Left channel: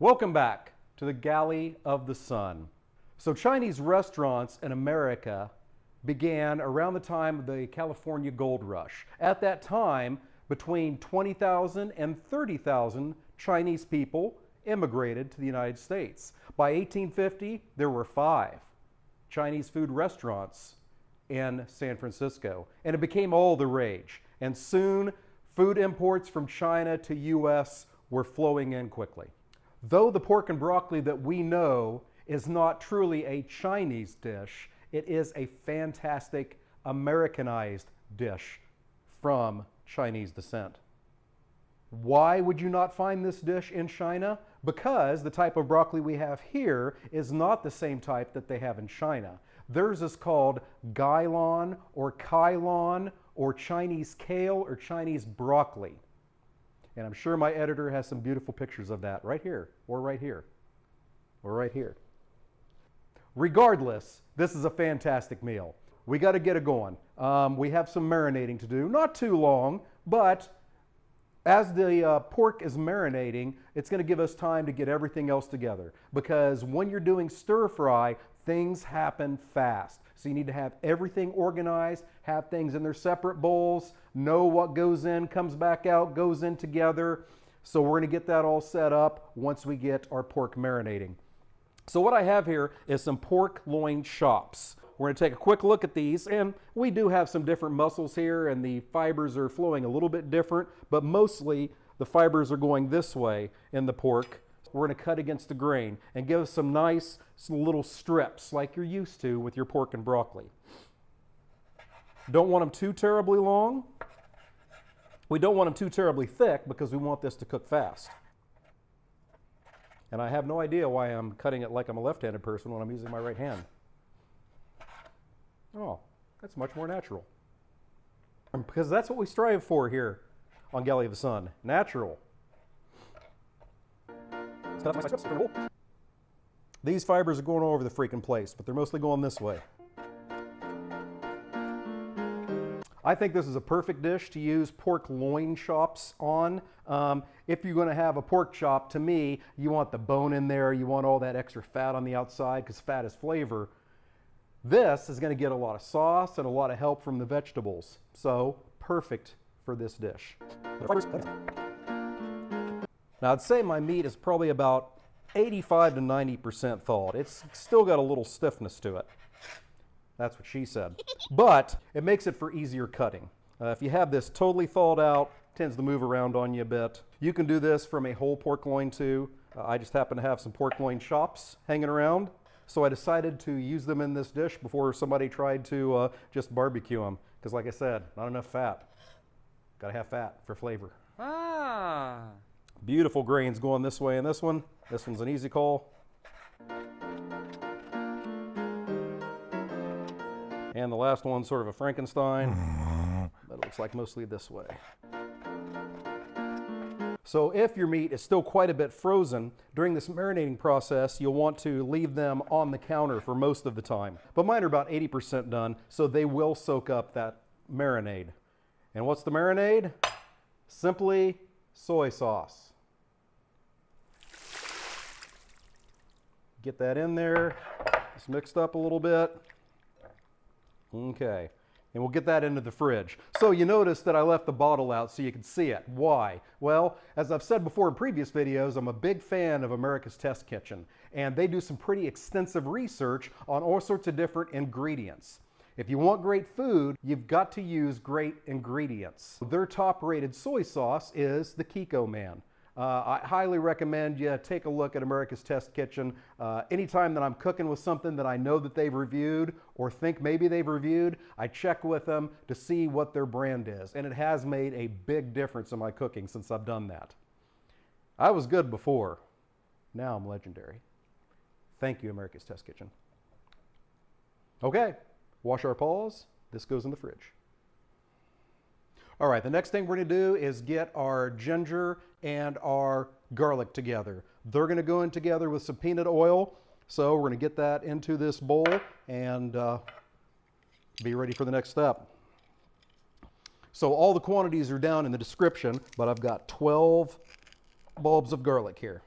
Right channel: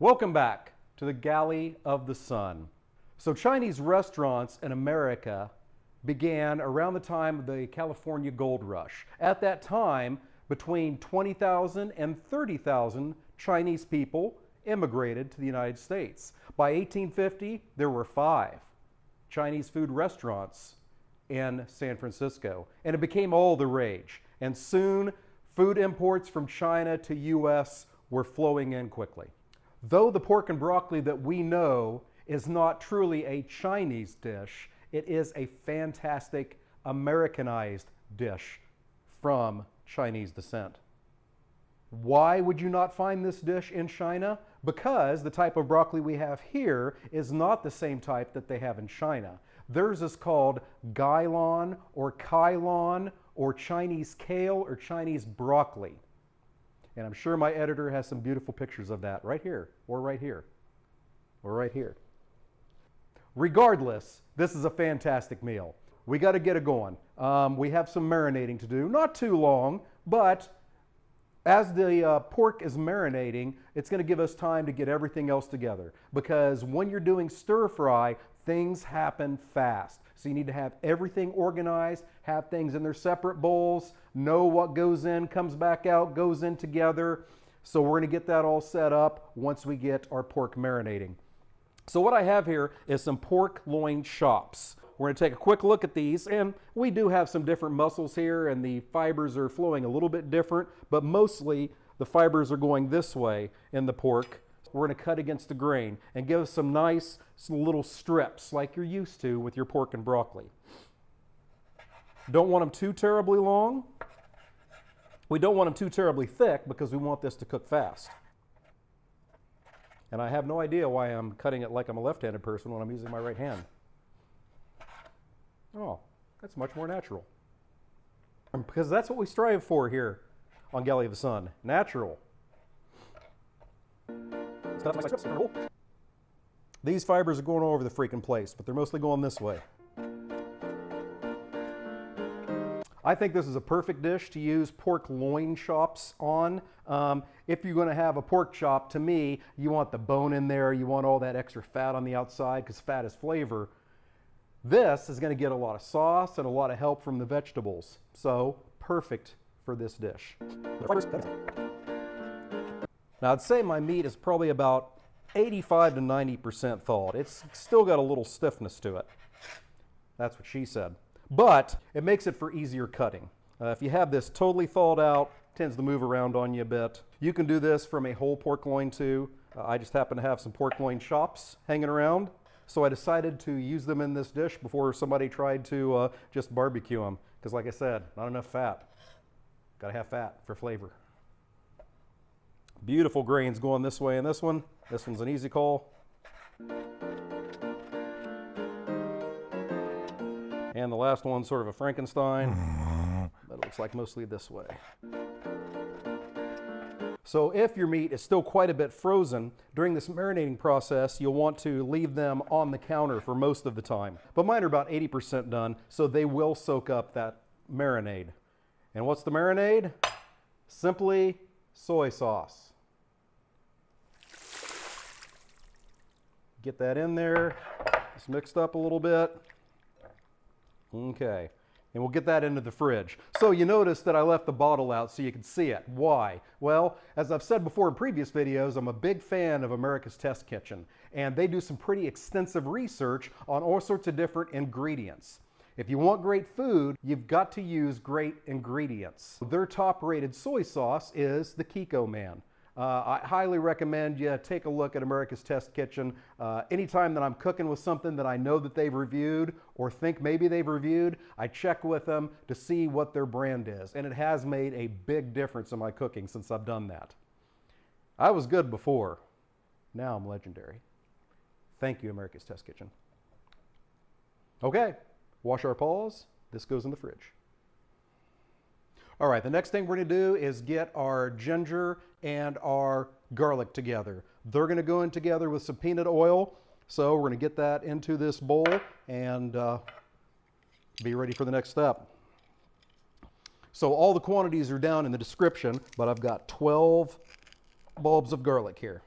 Welcome back to the Galley of the Sun. So Chinese restaurants in America began around the time of the California Gold Rush. At that time, between 20,000 and 30,000 Chinese people immigrated to the United States. By 1850, there were 5 Chinese food restaurants in San Francisco, and it became all the rage. And soon, food imports from China to U.S. were flowing in quickly. Though the pork and broccoli that we know is not truly a Chinese dish, it is a fantastic Americanized dish from Chinese descent. Why would you not find this dish in China? Because the type of broccoli we have here is not the same type that they have in China. Theirs is called gailon or kailon or Chinese kale or Chinese broccoli. And I'm sure my editor has some beautiful pictures of that right here, or right here, or right here. Regardless, this is a fantastic meal. We got to get it going. We have some marinating to do, not too long, but as the pork is marinating, it's going to give us time to get everything else together. Because when you're doing stir fry, things happen fast. So you need to have everything organized, have things in their separate bowls, know what goes in, comes back out, goes in together. So we're going to get that all set up once we get our pork marinating. So what I have here is some pork loin chops. We're going to take a quick look at these, and we do have some different muscles here, and the fibers are flowing a little bit different, but mostly the fibers are going this way in the pork. We're going to cut against the grain and give us some nice little strips like you're used to with your pork and broccoli. Don't want them too terribly long. We don't want them too terribly thick because we want this to cook fast. And I have no idea why I'm cutting it like I'm a left-handed person when I'm using my right hand. Oh, that's much more natural. Because that's what we strive for here on Galley of the Sun. Natural. These fibers are going all over the freaking place, but they're mostly going this way. I think this is a perfect dish to use pork loin chops on. If you're going to have a pork chop, to me, you want the bone in there. You want all that extra fat on the outside because fat is flavor. This is going to get a lot of sauce and a lot of help from the vegetables. So, perfect for this dish. Now, I'd say my meat is probably about 85 to 90% thawed. It's still got a little stiffness to it. That's what she said. But it makes it for easier cutting. If you have this totally thawed out, it tends to move around on you a bit. You can do this from a whole pork loin too. I just happen to have some pork loin chops hanging around, so I decided to use them in this dish before somebody tried to just barbecue them. Because like I said, not enough fat. Gotta have fat for flavor. Ah. Beautiful grains going this way in this one. This one's an easy call. And the last one's sort of a Frankenstein, but it looks like mostly this way. So if your meat is still quite a bit frozen, during this marinating process, you'll want to leave them on the counter for most of the time. But mine are about 80% done, so they will soak up that marinade. And what's the marinade? Simply soy sauce. Get that in there, just mixed up a little bit. Okay, and we'll get that into the fridge. So you notice that I left the bottle out so you can see it. Why? Well, as I've said before in previous videos, I'm a big fan of America's Test Kitchen, and they do some pretty extensive research on all sorts of different ingredients. If you want great food, you've got to use great ingredients. Their top-rated soy sauce is the Kiko Man. I highly recommend you take a look at America's Test Kitchen. Anytime that I'm cooking with something that I know that they've reviewed or think maybe they've reviewed, I check with them to see what their brand is. And it has made a big difference in my cooking since I've done that. I was good before. Now I'm legendary. Thank you, America's Test Kitchen. Okay, wash our paws. This goes in the fridge. All right, the next thing we're going to do is get our ginger and our garlic together. They're going to go in together with some peanut oil. So we're going to get that into this bowl and be ready for the next step. So all the quantities are down in the description, but I've got 12 bulbs of garlic here.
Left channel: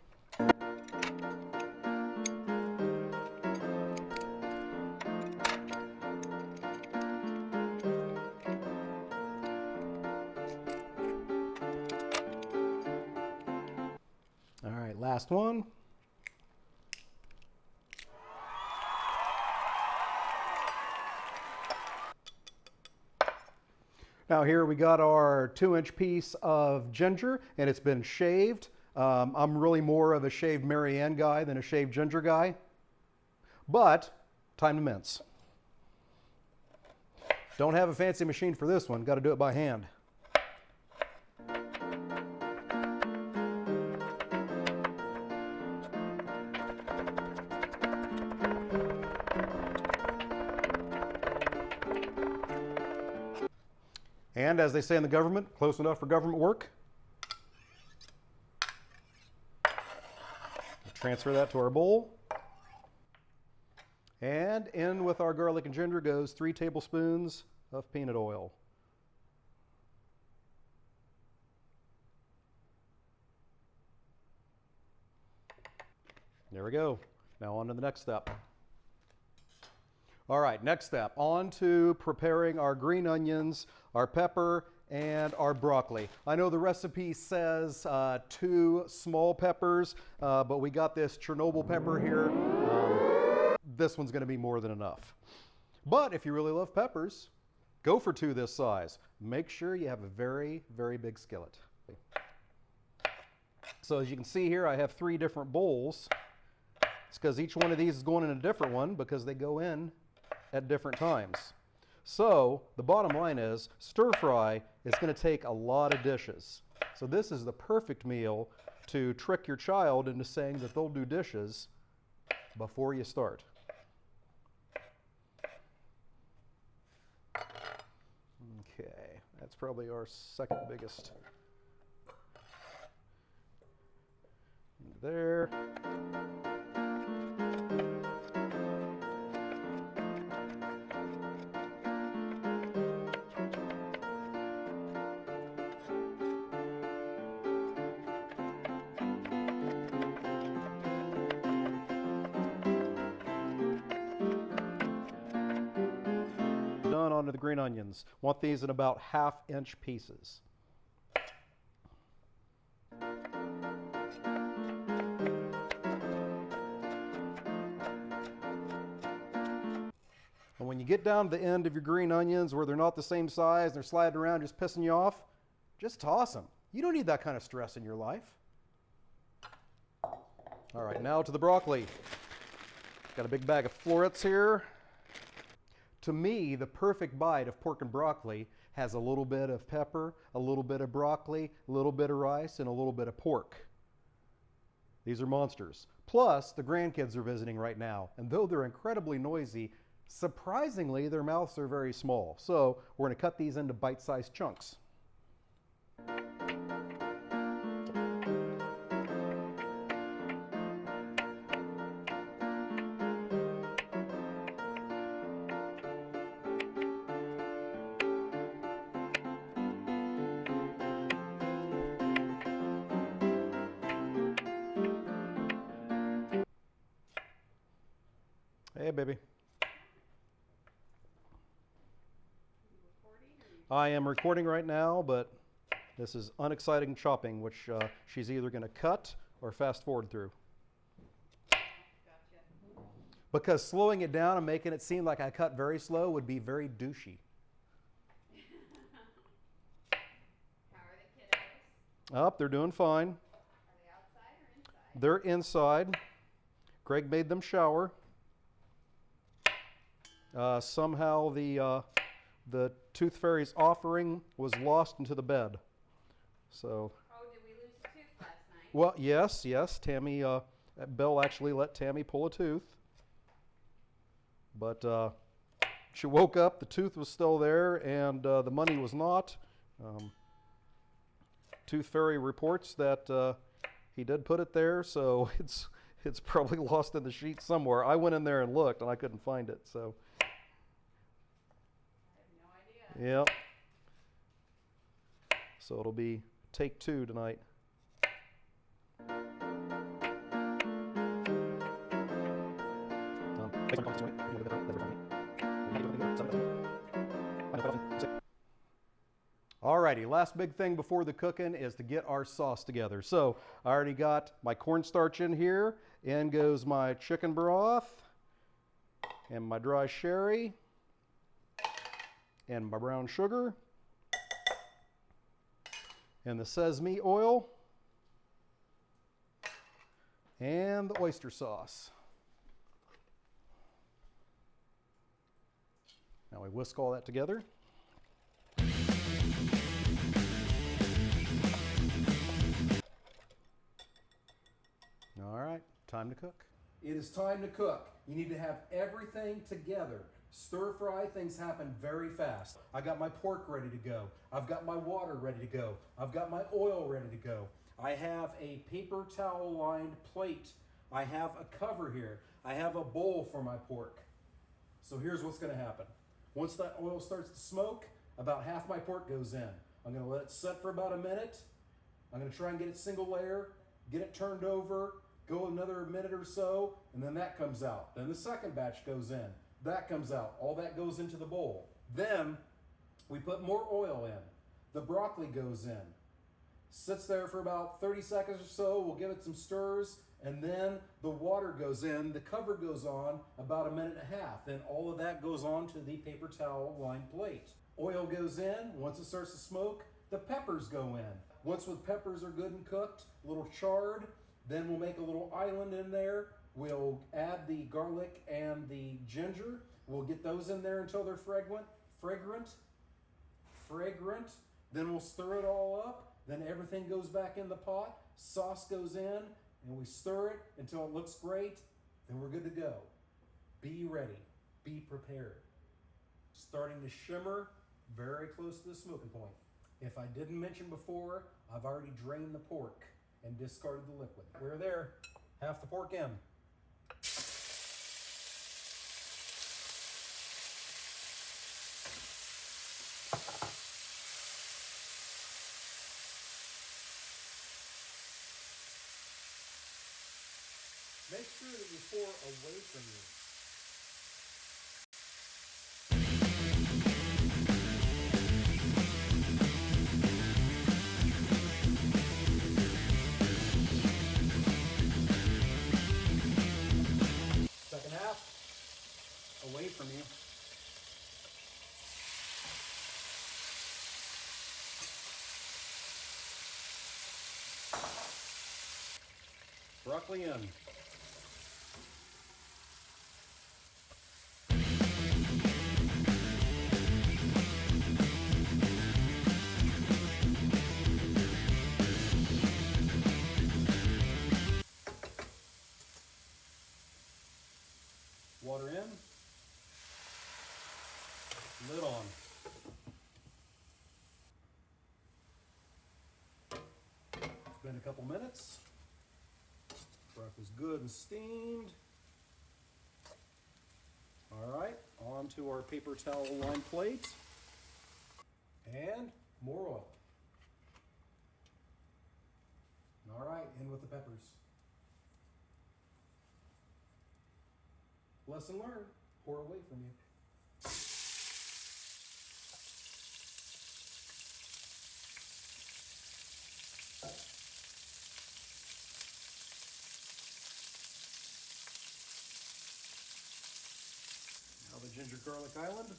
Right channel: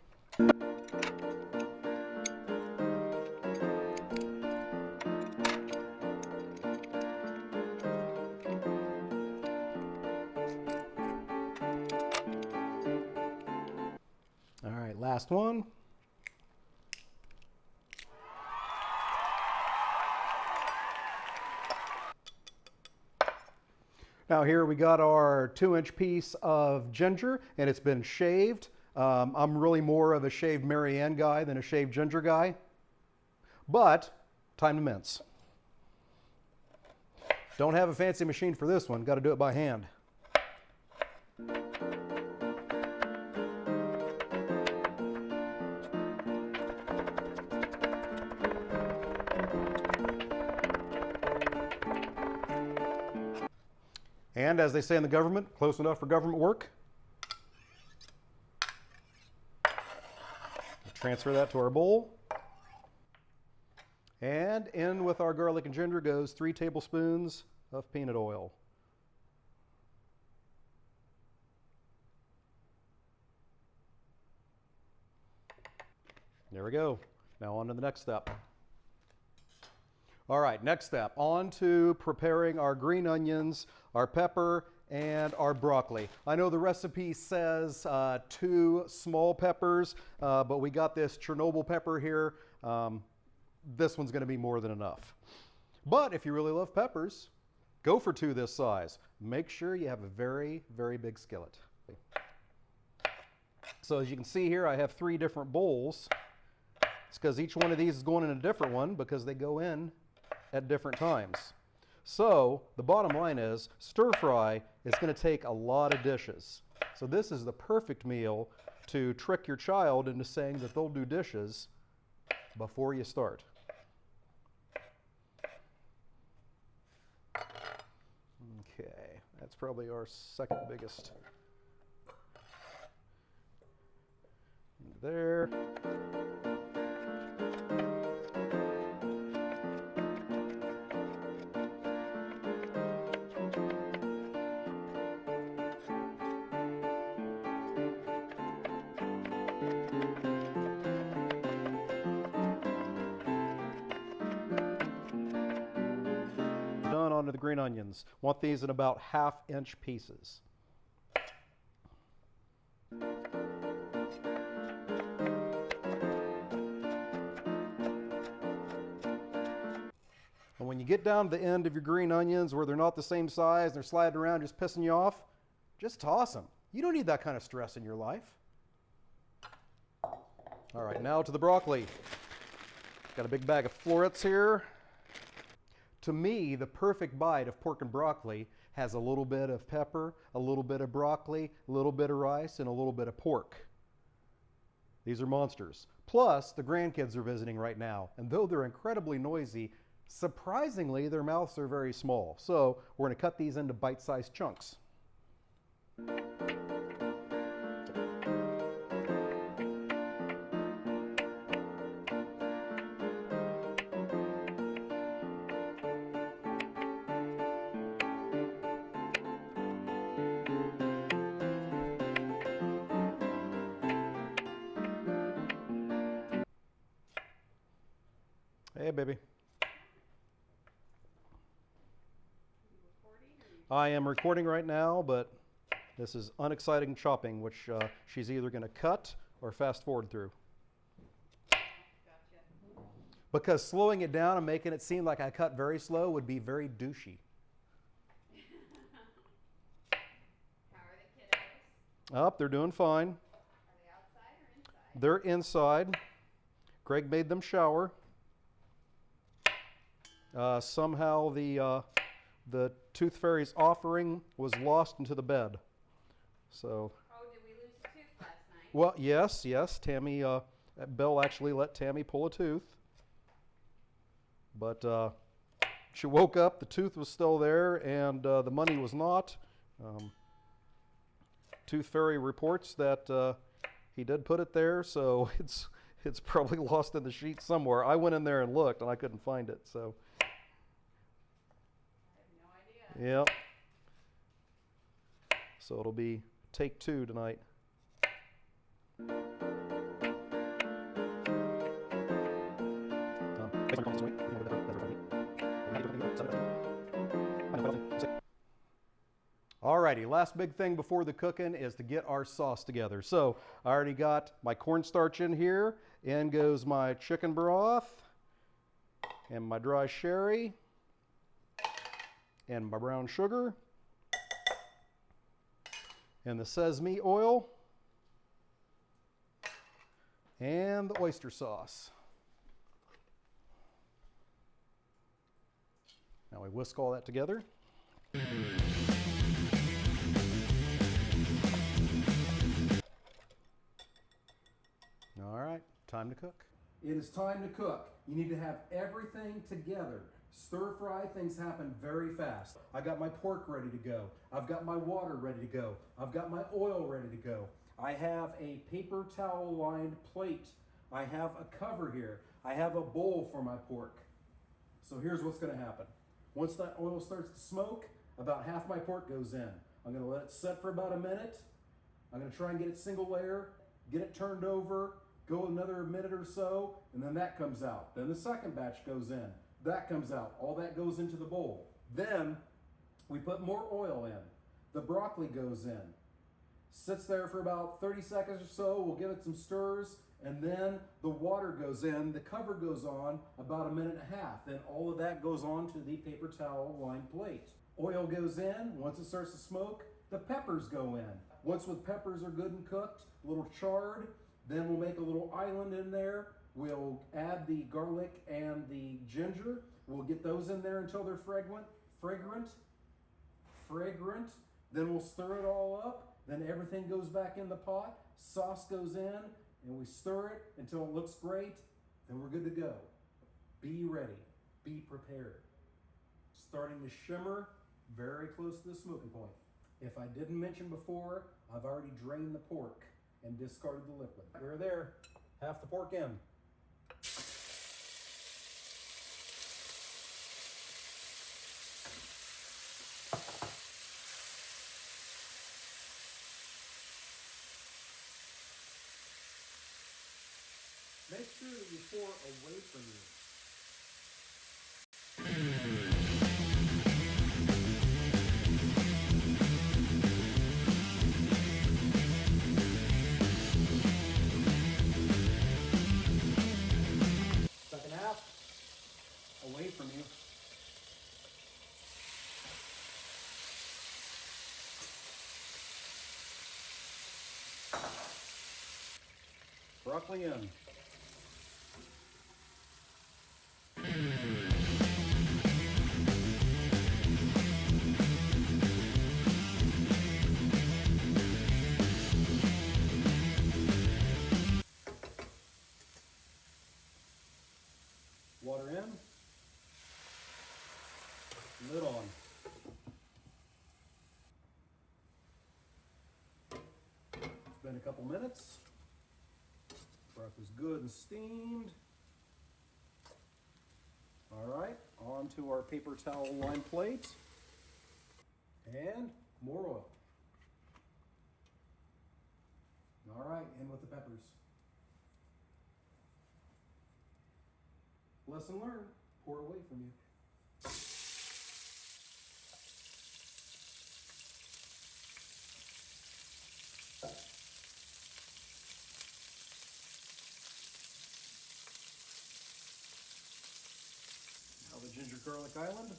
All right, last one. Now here we got our 2-inch piece of ginger, and it's been shaved. I'm really more of a shaved Marianne guy than a shaved ginger guy, but time to mince. Don't have a fancy machine for this one, got to do it by hand. And as they say in the government, close enough for government work. Transfer that to our bowl. And in with our garlic and ginger goes 3 tablespoons of peanut oil. There we go. Now on to the next step. All right, next step, on to preparing our green onions, our pepper, and our broccoli. I know the recipe says 2 small peppers, but we got this Chernobyl pepper here. This one's gonna be more than enough. But if you really love peppers, go for 2 this size. Make sure you have a very, very big skillet. So as you can see here, I have 3 different bowls. It's because each one of these is going in a different one because they go in at different times. So the bottom line is stir fry is going to take a lot of dishes. So this is the perfect meal to trick your child into saying that they'll do dishes before you start. Okay, that's probably our second biggest. There. Done. Onto the green onions. Want these in about 1/2-inch pieces. And when you get down to the end of your green onions where they're not the same size, they're sliding around just pissing you off, just toss them. You don't need that kind of stress in your life. All right, now to the broccoli. Got a big bag of florets here. To me, the perfect bite of pork and broccoli has a little bit of pepper, a little bit of broccoli, a little bit of rice, and a little bit of pork. These are monsters. Plus, the grandkids are visiting right now, and though they're incredibly noisy, surprisingly, their mouths are very small. So we're going to cut these into bite-sized chunks. Hey, baby. I am recording right now, but this is unexciting chopping, which she's either going to cut or fast forward through. Gotcha. Because slowing it down and making it seem like I cut very slow would be very douchey. How are the kiddos? Up, they're doing fine. Are they outside or inside? They're inside. Greg made them shower. Somehow the Tooth Fairy's offering was lost into the bed. So. Oh, did we lose a tooth last night? Well, yes. Tammy, Bill actually let Tammy pull a tooth. But she woke up, the tooth was still there, and the money was not. Tooth Fairy reports that he did put it there, so it's probably lost in the sheet somewhere. I went in there and looked, and I couldn't find it. So. I have no idea. Yep. So it'll be take 2 tonight. Alrighty, last big thing before the cooking is to get our sauce together. So I already got my cornstarch in here. In goes my chicken broth and my dry sherry and my brown sugar and the sesame oil and the oyster sauce. Now we whisk all that together. All right, time to cook. It is time to cook. You need to have everything together. Stir fry, things happen very fast. I got my pork ready to go. I've got my water ready to go. I've got my oil ready to go. I have a paper towel lined plate. I have a cover here. I have a bowl for my pork. So here's what's gonna happen. Once that oil starts to smoke, about half my pork goes in. I'm gonna let it set for about a minute. I'm gonna try and get it single layer, get it turned over, go another minute or so, and then that comes out. Then the second batch goes in. That comes out. All that goes into the bowl. Then we put more oil in. The broccoli goes in. Sits there for about 30 seconds or so. We'll give it some stirs, and then the water goes in. The cover goes on about a minute and a half. Then all of that goes on to the paper towel lined plate. Oil goes in. Once it starts to smoke, the peppers go in. Once the peppers are good and cooked, a little charred, then we'll make a little island in there. We'll add the garlic and the ginger. We'll get those in there until they're fragrant. Then we'll stir it all up. Then everything goes back in the pot. Sauce goes in, and we stir it until it looks great. Then we're good to go. Be ready. Be prepared. Starting to shimmer, very close to the smoking point. If I didn't mention before, I've already drained the pork and discarded the liquid. We're there. Half the pork in. Make sure that you pour away from you. Second half, away from you. Broccoli in. Water in, lid on. It's been a couple minutes. Broccoli's good and steamed. All right, on to our paper towel lined plate. And more oil. All right, in with the peppers. Lesson learned, pour away from you. Now the ginger garlic island.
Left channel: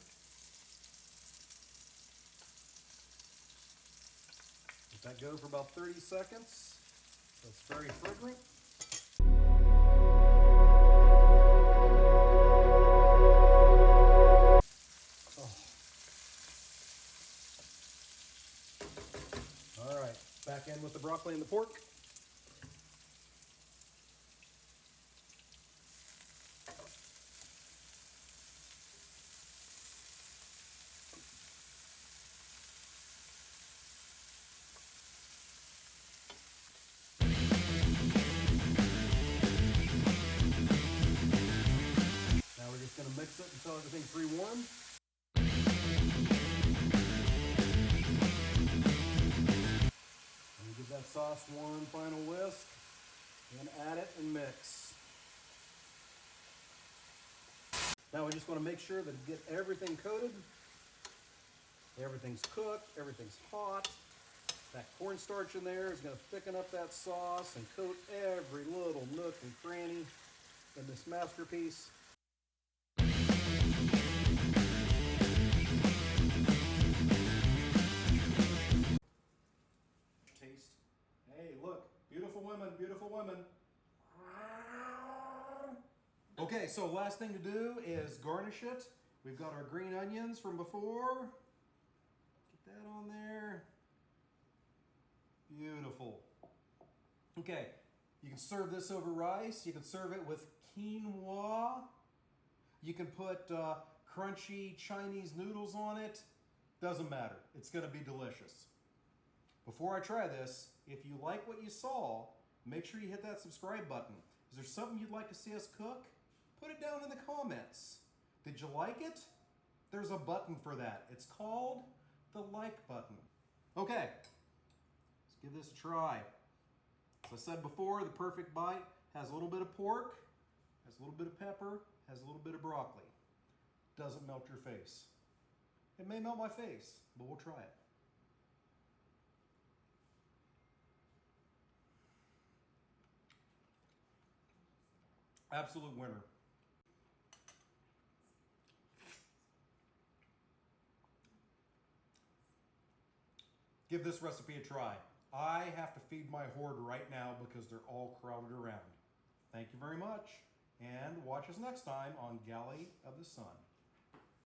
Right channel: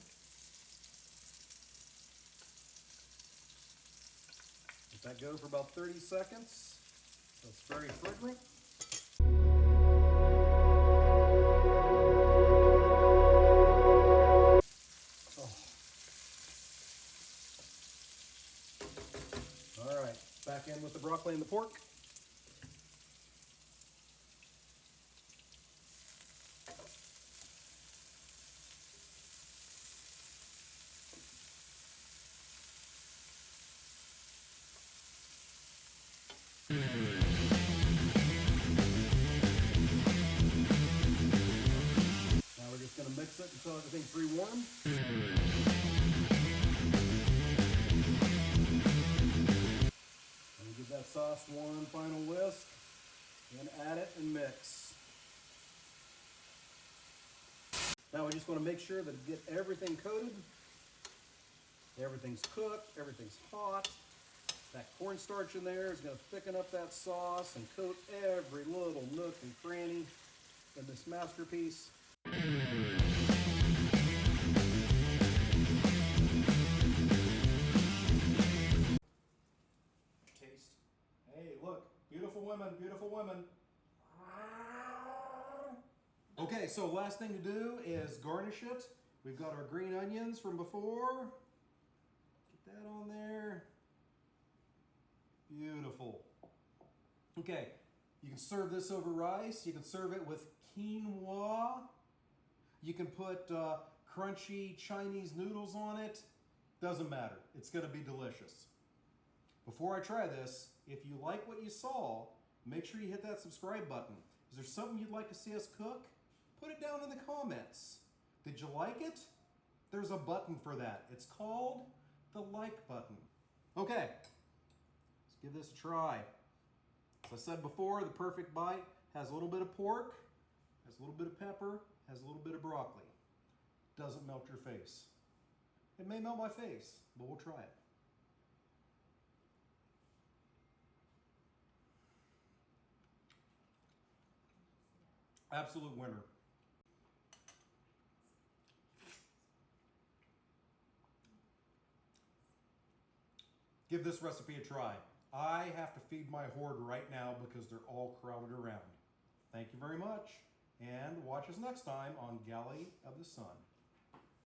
Let that go for about 30 seconds. So it's very fragrant. All right, back in with the broccoli and the pork. Now we're just going to mix it until everything's pre-warmed. And give that sauce one final whisk, and add it and mix. Now we're just going to make sure that get everything coated. Everything's cooked, everything's hot. That cornstarch in there is going to thicken up that sauce and coat every little nook and cranny in this masterpiece. Taste. Hey, look, beautiful women, beautiful women. Okay, so last thing to do is garnish it. We've got our green onions from before. Get that on there. Beautiful. Okay, you can serve this over rice. You can serve it with quinoa. You can put crunchy Chinese noodles on it. Doesn't matter. It's going to be delicious. Before I try this, if you like what you saw, make sure you hit that subscribe button. Is there something you'd like to see us cook? Put it down in the comments. Did you like it? There's a button for that. It's called the like button. Okay, let's give this a try. As I said before, the perfect bite has a little bit of pork, has a little bit of pepper, has a little bit of broccoli. Doesn't melt your face. It may melt my face, but we'll try it. Absolute winner. Give this recipe a try. I have to feed my horde right now because they're all crowded around. Thank you very much, and watch us next time on Galley of the Sun.